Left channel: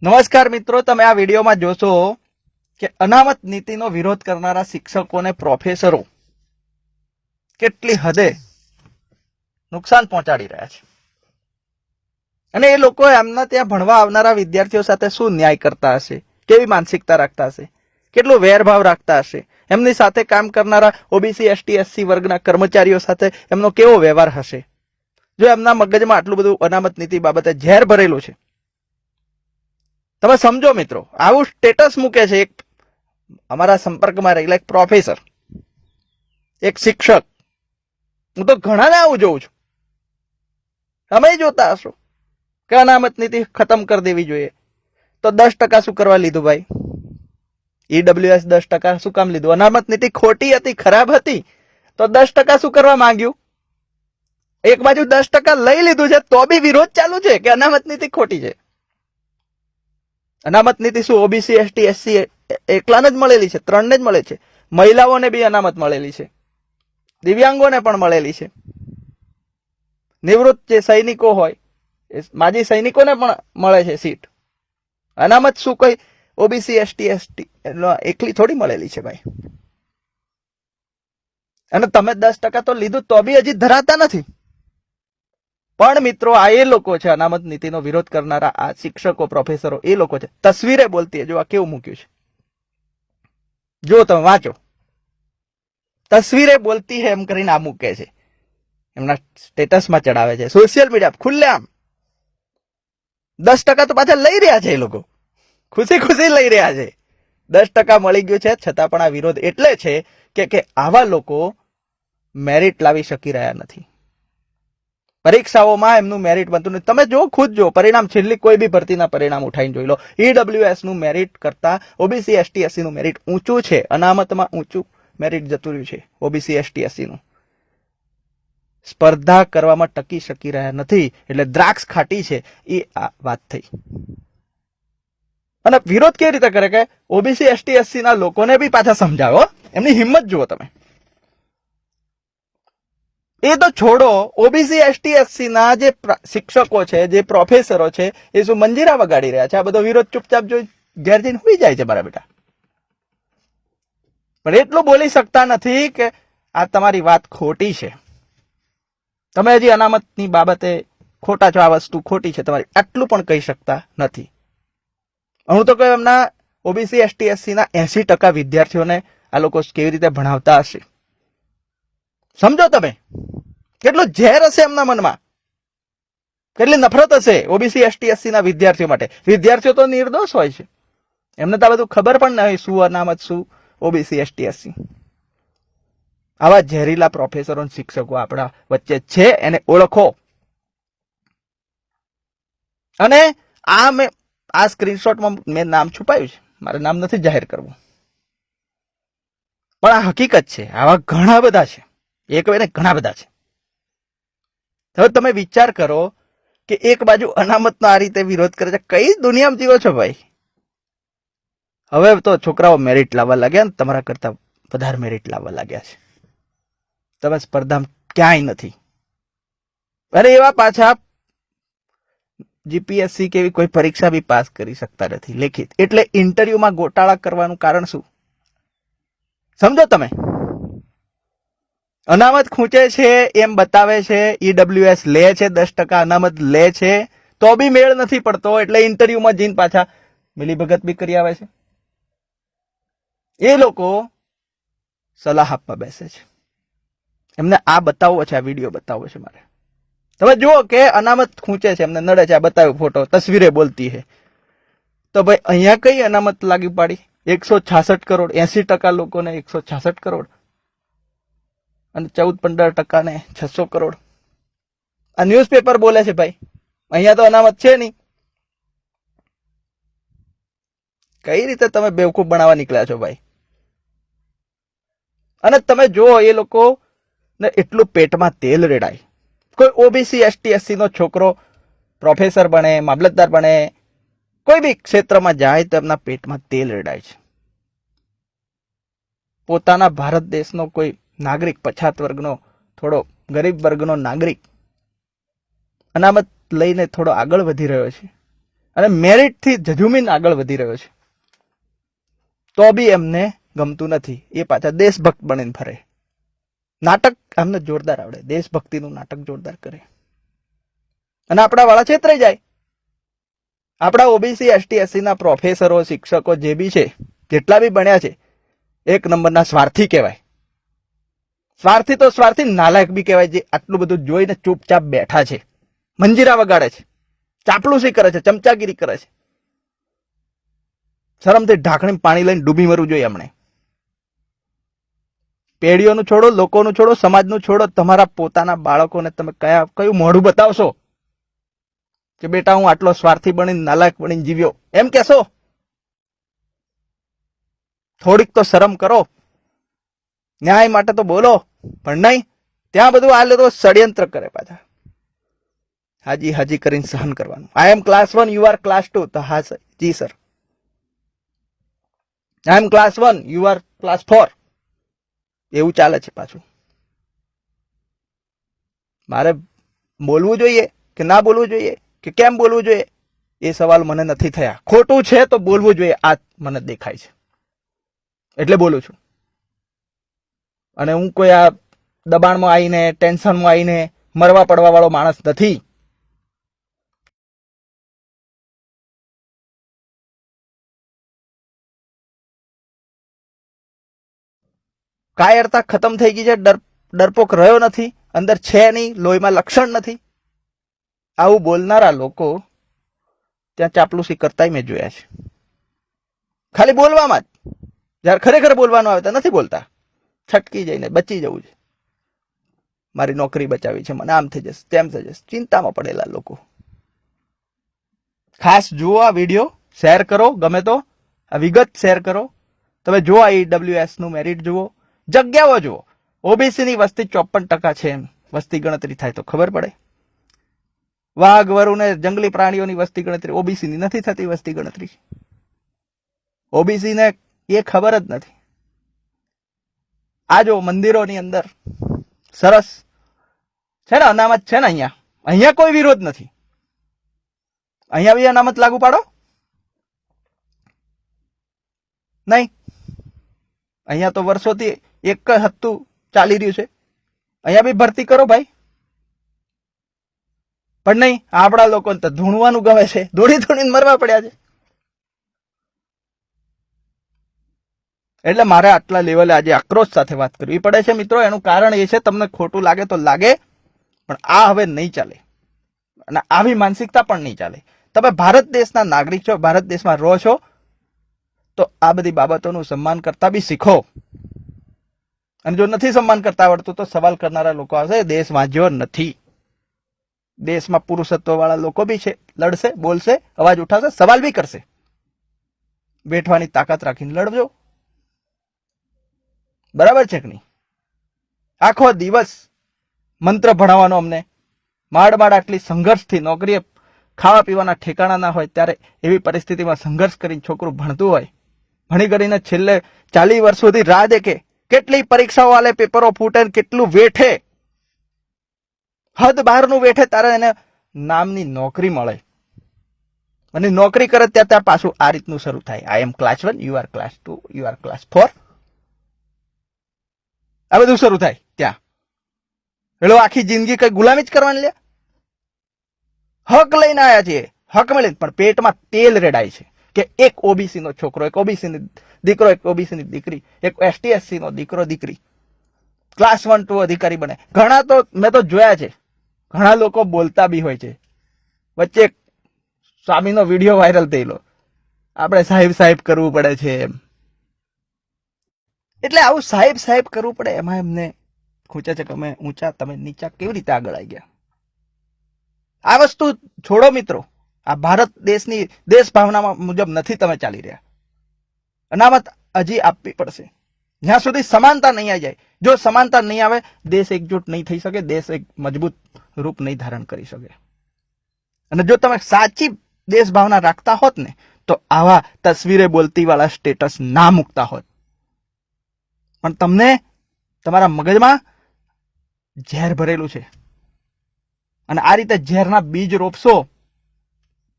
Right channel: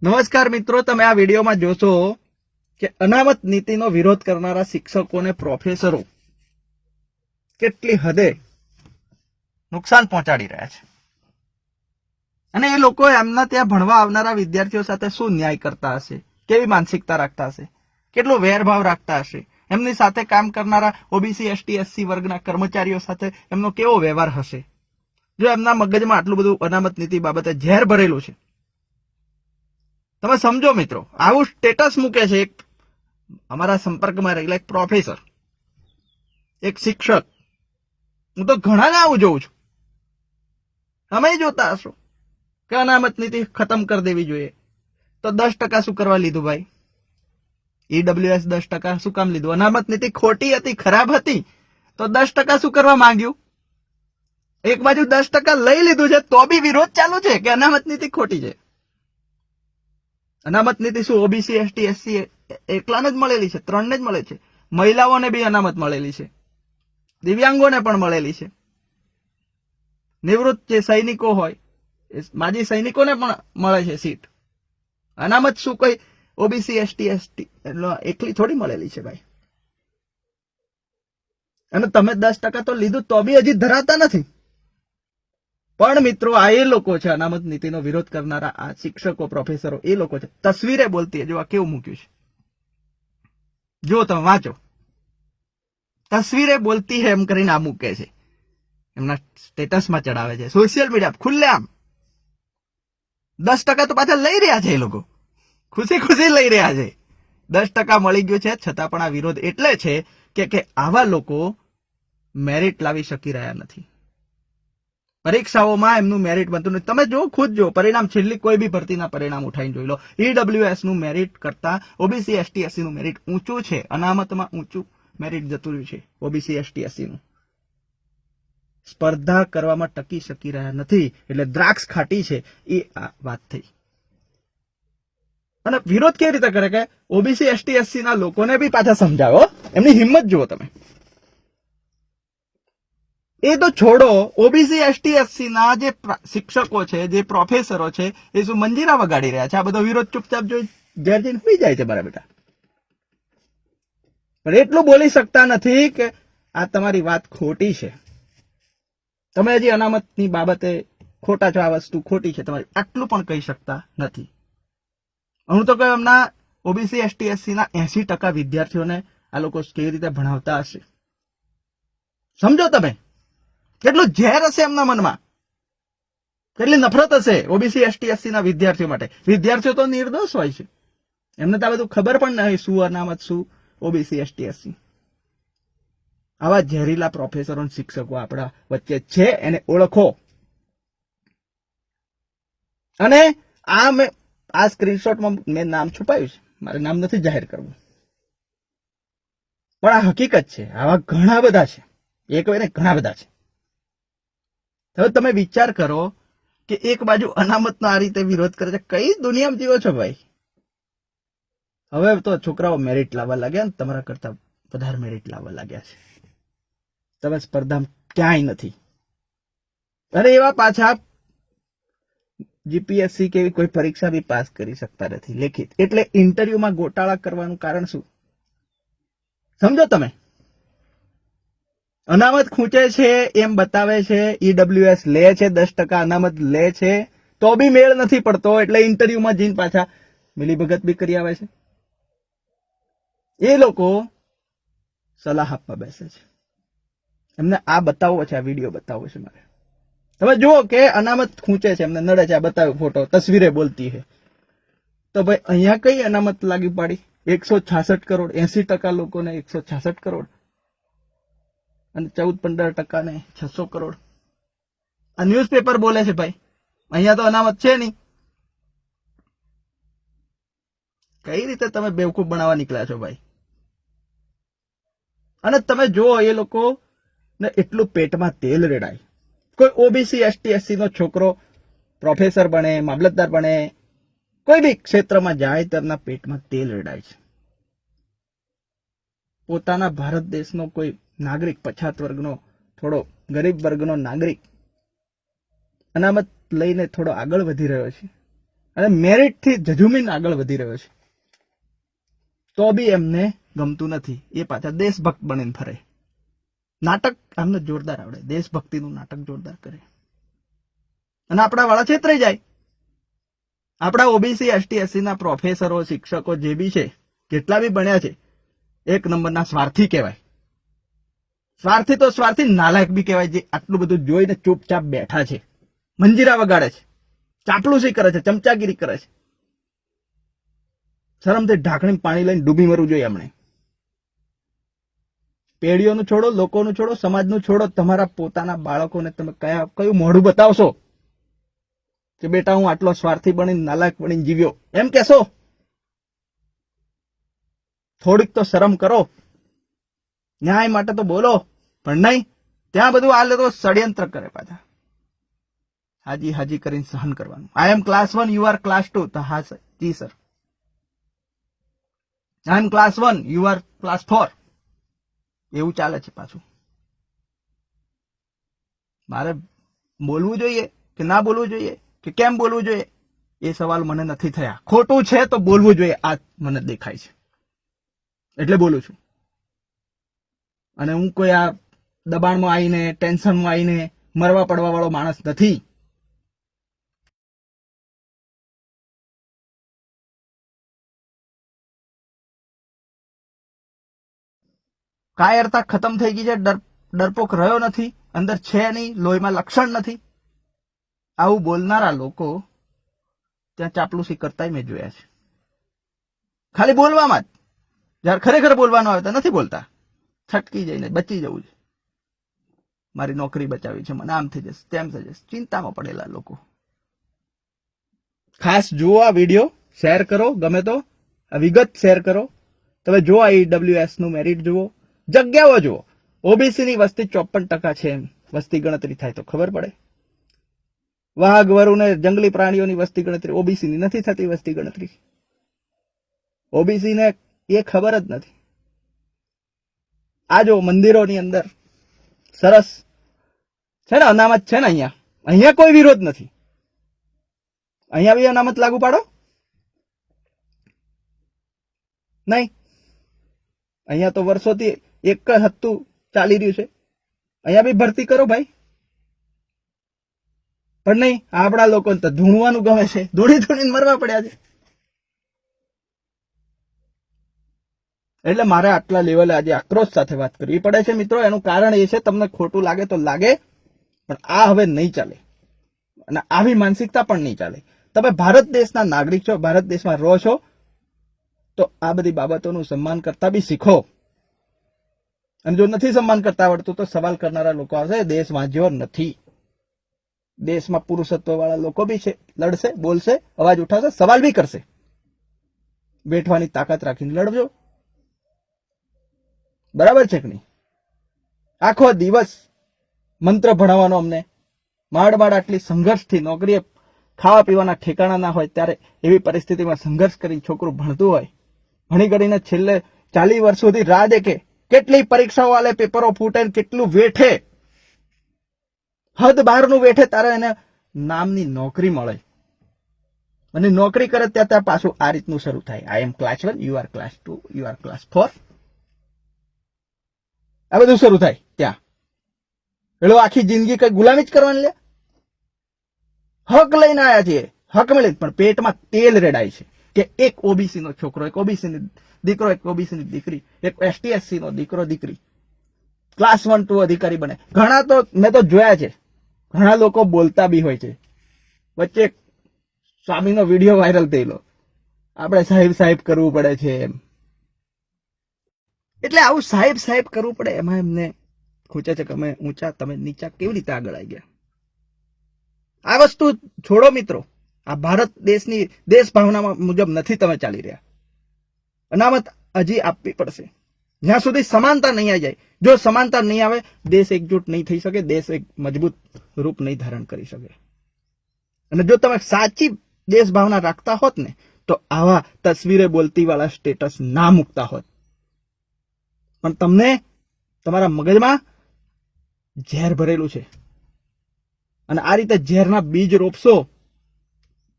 નમસ્કાર મિત્રો, તમે આ વિડીયોમાં જોશો કે અનામત નીતિનો વિરોધ કરનારા શિક્ષકોને પ્રોફેસરો કેટલી હદે નુકસાન પહોંચાડી રહ્યા છે અને એ લોકો એમના ત્યાં ભણવા આવનારા વિદ્યાર્થીઓ સાથે શું ન્યાય કરતા હશે, કેવી માનસિકતા રાખતા હશે, કેટલો વેરભાવ રાખતા હશે, એમની સાથે કામ કરનારા ઓબીસી એસટી એસસી વર્ગના કર્મચારીઓ સાથે એમનો કેવો વ્યવહાર હશે જો એમના મગજમાં આટલું બધું અનામત નીતિ બાબતે ઝેર ભરેલું છે। તમે સમજો મિત્રો, આવું સ્ટેટસ મૂકે છે એક અમારા સંપર્કમાં રહેલા એક પ્રોફેસર, એક શિક્ષક। હું તો ઘણાને આવું જોઉં છું, તમે જોતા હશો કે અનામત નીતિ ખતમ કરી દેવી જોઈએ, તો 10% શું કરવા લીધું ભાઈ? ઈડબ્લ્યુએસ 10% શું કામ લીધું? અનામત નીતિ ખોટી હતી, ખરાબ હતી, તો 10% શું કરવા માંગ્યું? એક બાજુ 10% લઈ લીધું છે તો બી વિરોધ ચાલુ છે કે અનામત નીતિ ખોટી છે। અનામત નીતિ શું ઓબીસી એસટી એસસી એકલાને જ મળેલી છે? 3ને જ મળે છે। મહિલાઓને બી અનામત મળેલી છે, દિવ્યાંગોને પણ મળેલી છે, નિવૃત્ત જે સૈનિકો હોય, માજી સૈનિકોને પણ મળે છે સીટ। અનામત શું કઈ ઓબીસી એસટી એસટી એકલી થોડી મળેલી છે ભાઈ? અને તમે 10% તો લીધું તો બી હજી ધરાતા નથી। પણ મિત્રો, આ એ લોકો છે અનામત નીતિનો વિરોધ કરનારા, આ શિક્ષકો પ્રોફેસરો એ લોકો છે। તસવીરે બોલતી જો આ કેવું મૂક્યું છે, જો તમે વાંચો, તસવીરે બોલતી હે એમ કરીને આ મૂકે છે, એમના સ્ટેટસમાં ચડાવે છે, સોશિયલ મીડિયા ખુલ્લેઆમ। 10% તો પાછા લઈ રહ્યા છે એ લોકો, ખુશી ખુશી લઈ રહ્યા છે। 10% મળી ગયું છે છતાં પણ આ વિરોધ એટલે છે કે આવા લોકો મેરિટ લાવી શકી રહ્યા નથી, પરીક્ષાઓમાં એમનું મેરિટ બનતું નથી। તમે જો ખુદ જો પરિણામ, છેલ્લી કોઈ બી ભરતીના પરિણામ ઉઠાઈને જોઈ લો, ઈડબ્લ્યુએસ નું મેરિટ કરતા ઓબીસી એસટી એસસી નું મેરિટ ઊંચું છે, અનામતમાં ઊંચું મેરિટ જતું રહ્યું છે ઓબીસી એસટી એસસી નું। સ્પર્ધા કરવામાં ટકી શકી રહ્યા નથી, એટલે દ્રાક્ષ ખાટી છે એ આ વાત થઈ। અને વિરોધ કેવી રીતે કરે કે ઓબીસી એસટી એસસી ના લોકોને બી પાછા સમજાવો, એમની હિંમત જુઓ તમે। એ તો છોડો, ઓબીસી એસટી એસસી ના જે શિક્ષકો છે, જે પ્રોફેસરો છે, એ શું મંજીરા વગાડી રહ્યા છે? આ બધો વિરોધ ચૂપચાપ જોઈ ઘેર જઈને હોઈ જાય છે મારા બેટા, પણ એટલું બોલી શકતા નથી કે આ તમારી વાત ખોટી છે, તમે હજી અનામતની બાબતે ખોટા છો, આ વસ્તુ ખોટી છે તમારી, આટલું પણ કહી શકતા નથી। હું તો કહું, એમના ઓબીસી એસટી એસસી ના 80% વિદ્યાર્થીઓને આ લોકો કેવી રીતે ભણાવતા હશે, સમજો તમે કેટલો ઝેર હશે એમના મનમાં, કેટલી નફરત હશે ઓબીસી એસટી એસસી ના વિદ્યાર્થીઓ માટે। વિદ્યાર્થીઓ તો નિર્દોષ હોય છે, એમને તો આ બધું ખબર પણ નહીં, શું અનામત, શું ઓબીસી એસટી એસસી। આવા ઝેરીલા પ્રોફેસરો શિક્ષકો આપણા વચ્ચે છે, એને ઓળખો। અને આ સ્ક્રીનશોટમાં મેં નામ છુપાયું છે, મારે નામ નથી જાહેર કરવું, પણ આ હકીકત છે, આવા ઘણા બધા છે, એક way ને ઘણા બધા છે। હવે તમે વિચાર કરો કે એક બાજુ અનામતનો આ રીતે વિરોધ કરે છે, કઈ દુનિયામાં જીવો છો ભાઈ? હવે તો છોકરાઓ મેરિટ લાવવા લાગ્યા ને, તમારા કરતા વધારે મેરિટ લાવવા લાગ્યા છે, તમે સ્પર્ધામાં ક્યાંય નથી। અરે એવા પાછા જીપીએસસી કે એવી કોઈ પરીક્ષા બી પાસ કરી શકતા નથી લેખિત, એટલે ઇન્ટરવ્યુમાં ગોટાળા કરવાનું કારણ શું સમજો તમે? અનામત ખૂંચે છે એમ બતાવે છે, ઈડબ્લ્યુએસ લે છે, 10% અનામત લે છે, તો બી મેળ નથી પડતો, એટલે ઇન્ટરવ્યુમાં જઈને પાછા મિલીભગત બી કરી આવે છે। એ લોકો સલાહ આપવા બેસે છે, એમને આ બતાવવો છે, આ વિડીયો બતાવવો છે મારે। તમે જુઓ કે અનામત ખૂંચે છે, એમને નડે છે, આ બતાવ્યો ફોટો, તસવીરે બોલતી છે, તો ભાઈ અહીંયા કઈ અનામત લાગી પાડી? 166 કરોડ, 80% લોકોને 166 કરોડ અને 14-15% ને 600 કરોડ। આ ન્યૂઝપેપર બોલે છે ભાઈ, અહીંયા તો અનામત છે નહીં। કઈ રીતે તમે બેવકૂફ બનાવવા નીકળ્યા છો ભાઈ? અને તમે જુઓ, એ લોકો ને એટલું પેટમાં તેલ રેડાય, કોઈ ઓબીસી એસટી એસસી નો છોકરો પ્રોફેસર બને, મામલતદાર બને, કોઈ બી ક્ષેત્રમાં જાય તો એમના પેટમાં તેલ રેડાય છે। પોતાના ભારત દેશનો કોઈ નાગરિક, પછાત વર્ગનો, થોડો ગરીબ વર્ગનો નાગરિક અનામત લઈને થોડો આગળ વધી રહ્યો છે, અને મેરિટથી જજુમીન આગળ વધી રહ્યો છે, તો બી એમને ગમતું નથી. એ પાછા દેશભક્ત બનીને ફરે. નાટક એમને જોરદાર આવડે, દેશભક્તિનું નાટક જોરદાર કરે. અને આપણા વાળા છેતરાઈ જાય. આપણા ઓબીસી એસટી એસસી ના પ્રોફેસરો, શિક્ષકો જે બી છે, જેટલા બી ભણ્યા છે, એક નંબરના સ્વાર્થી કહેવાય. સ્વાર્થી તો સ્વાર્થી, નાલાયક બી કહેવાય, જે આટલું બધું જોઈને ચૂપચાપ બેઠા છે, મંજીરા વગાડે છે, ચાપલુસી કરે છે, ચમચાગીરી કરે છે. શરમથી ઢાંકણી પાણી લઈને ડૂબી મરવું જોઈએ એમણે. પેઢીઓનું છોડો, લોકોનું છોડો, સમાજનું છોડો, તમારા પોતાના બાળકોને તમે કયું મોઢું બતાવશો કે બેટા હું આટલો સ્વાર્થી બનીને, નાલાયક બનીને જીવ્યો, એમ કેશો? થોડીક તો શરમ કરો. ન્યાય માટે તો બોલો, પણ નહીં. ત્યાં બધું આ લોકો ષડયંત્ર કરે પાછા. હાજી હાજી કરીને સહન કરવાનું. આઈ એમ ક્લાસ 1, યુ આર ક્લાસ 2. તો હા sir, G sir. I M class 1, you are class 4. એવું ચાલે છે પાછું. મારે બોલવું જોઈએ કે ના બોલવું જોઈએ, કે કેમ બોલવું જોઈએ, એ સવાલ મને નથી થયા. ખોટું છે તો બોલવું જોઈએ, આ મને દેખાય છે એટલે બોલું છું. અને હું કોઈ આ દબાણમાં આવીને, ટેન્શનમાં આવીને મરવા પડવા વાળો માણસ નથી. કાયરતા ખતમ થઈ ગઈ છે. ડરપોક રહ્યો નથી, અંદર છે નહીં, લોહીમાં લક્ષણ નથી. આવું બોલનારા લોકો ત્યાં ચાપલુસી કરતા મેં જોયા છે. ખાલી બોલવામાં જ. જયારે ખરેખર બોલવાનું આવે તો નથી બોલતા. છટકી જઈને બચી જવું છે. મારી નોકરી બચાવી છે, મને આમ થઈ જશે, તેમ થઈ જશે, ચિંતામાં પડેલા લોકો. ખાસ જુઓ આ વિડીયો, શેર કરો, ગમે તો આ વિગત શેર કરો. તમે જુઓ IWS નું મેરિટ જુઓ, જગ્યાઓ જુઓ. ઓબીસી ની વસ્તી 54% છે. એમ વસ્તી ગણતરી થાય તો ખબર પડે. વાઘ, વરુ ને જંગલી પ્રાણીઓની વસ્તી ગણતરી ઓબીસી ની નથી થતી. વસ્તી ગણતરી ઓબીસી ને એ ખબર જ નથી. આ જો મંદિરોની અંદર સરસ છે ને, અનામત છે ને. અહીંયા કોઈ વિરોધ નથી. અહીંયા બી અનામત લાગુ પાડો. નહીં, અહીંયા તો વર્ષોથી એક જ હત્તું ચાલી રહ્યું છે. અહીંયા બી ભરતી કરો ભાઈ. પણ નહીં, આપણા લોકોને તો ધૂણવાનું ગમે છે, ધૂણીને મરવા પડ્યા છે. એટલે મારે આટલા લેવલે આજે આક્રોશ સાથે વાત કરવી પડે છે મિત્રો. એનું કારણ એ છે, તમને ખોટું લાગે તો લાગે, પણ આ હવે નહીં ચાલે. અને આવી માનસિકતા પણ નહીં ચાલે. તમે ભારત દેશના નાગરિક છો, ભારત દેશમાં રહો છો, તો આ બધી બાબતોનું સન્માન કરતા બી શીખો. અને જો નથી સન્માન કરતા આવડતું તો સવાલ કરનારા લોકો આવશે. દેશ વાંચ્યો નથી. દેશમાં પુરુષત્વ વાળા લોકો બી છે, લડશે, બોલશે, અવાજ ઉઠાવશે, સવાલ બી કરશે. બેઠવાની તાકાત રાખીને લડજો. બરાબર છે કે નહીં? આખો દિવસ મંત્ર ભણાવવાનો અમને. માંડ આટલી સંઘર્ષથી નોકરી, ખાવા પીવાના ઠેકાણા ના હોય, ત્યારે એવી પરિસ્થિતિમાં સંઘર્ષ કરીને છોકરું ભણતું હોય, ભણી કરીને છેલ્લે 40 વર્ષ સુધી રાહ દેખે, કેટલી પરીક્ષાઓ આલે, પેપરો ફૂટે, કેટલું વેઠે, હદ બહારનું વેઠે, તારે એને નામની નોકરી મળે. અને નોકરી કરે ત્યાં પાછું આ રીતનું શરૂ થાય. આઈ એમ class 1, you are class 2, you are class 4. આ બધું શરૂ થાય ત્યાં. પેલો આખી જિંદગી કઈ ગુલામી જ કરવાની લે. હક લઈને આવ્યા છીએ, હક મળી, પણ પેટમાં તેલ રેડાય છે કે એક ઓબીસી નો છોકરો, એક ઓબીસી ની દીકરો, એક ઓબીસી ની દીકરી, એક એસટી એસસી નો દીકરો દીકરી ક્લાસ 1, 2 અધિકારી બને. ઘણા તો મેં તો જોયા છે, ઘણા લોકો બોલતા બી હોય છે. વચ્ચે સ્વામીનો વિડીયો વાયરલ થયેલો, આપણે સાહેબ સાહેબ કરવું પડે છે એમ. એટલે આવું સાહેબ સાહેબ કરવું પડે, એમાં એમને ખૂચે છે કે અમે ઊંચા, તમે નીચા, કેવી રીતે આગળ આવી ગયા. આ વસ્તુ છોડો મિત્રો. આ ભારત દેશની દેશ ભાવના મુજબ નથી તમે ચાલી રહ્યા. અનામત હજી આપવી પડશે જ્યાં સુધી સમાનતા નહીં આવી જાય. જો સમાનતા નહીં આવે, દેશ એકજૂટ નહીં થઈ શકે, દેશ એક મજબૂત રૂપ નહીં ધારણ કરી શકે. અને જો તમે સાચી દેશ ભાવના રાખતા હોત ને, તો આવા તસવીરે બોલતી વાળા સ્ટેટસ ના મૂકતા હોત. પણ તમને તમારા મગજમાં ઝેર ભરેલું છે, અને આ રીતે ઝેરના બીજ રોપશો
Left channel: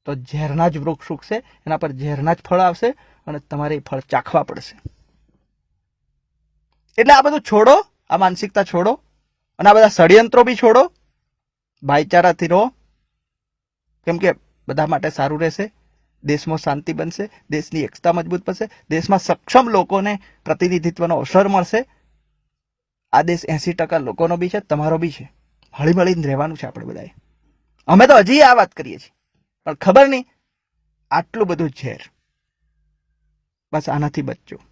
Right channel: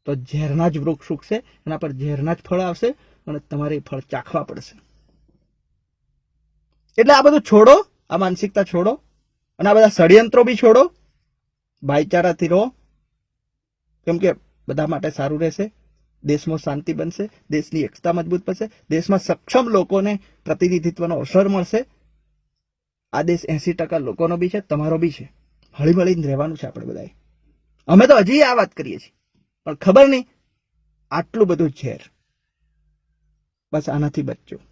તો ઝેરના જ વૃક્ષ ઉગશે, એના પર ઝેરના જ ફળ આવશે અને તમારે એ ફળ ચાખવા પડશે. એટલે આ બધું છોડો, આ માનસિકતા છોડો અને આ બધા ષડયંત્રો બી છોડો. ભાઈચારાથી રહો, કેમ કે બધા માટે સારું રહેશે. દેશમાં શાંતિ બનશે, દેશની એકતા મજબૂત બનશે, દેશમાં સક્ષમ લોકોને પ્રતિનિધિત્વનો અવસર મળશે. આ દેશ 80% લોકોનો બી છે, તમારો બી છે. હળી મળીને રહેવાનું છે આપણે બધાએ. અમે તો હજી આ વાત કરીએ છીએ, પણ ખબર નહીં આટલું બધું ઝેર. બસ આનાથી બચજો.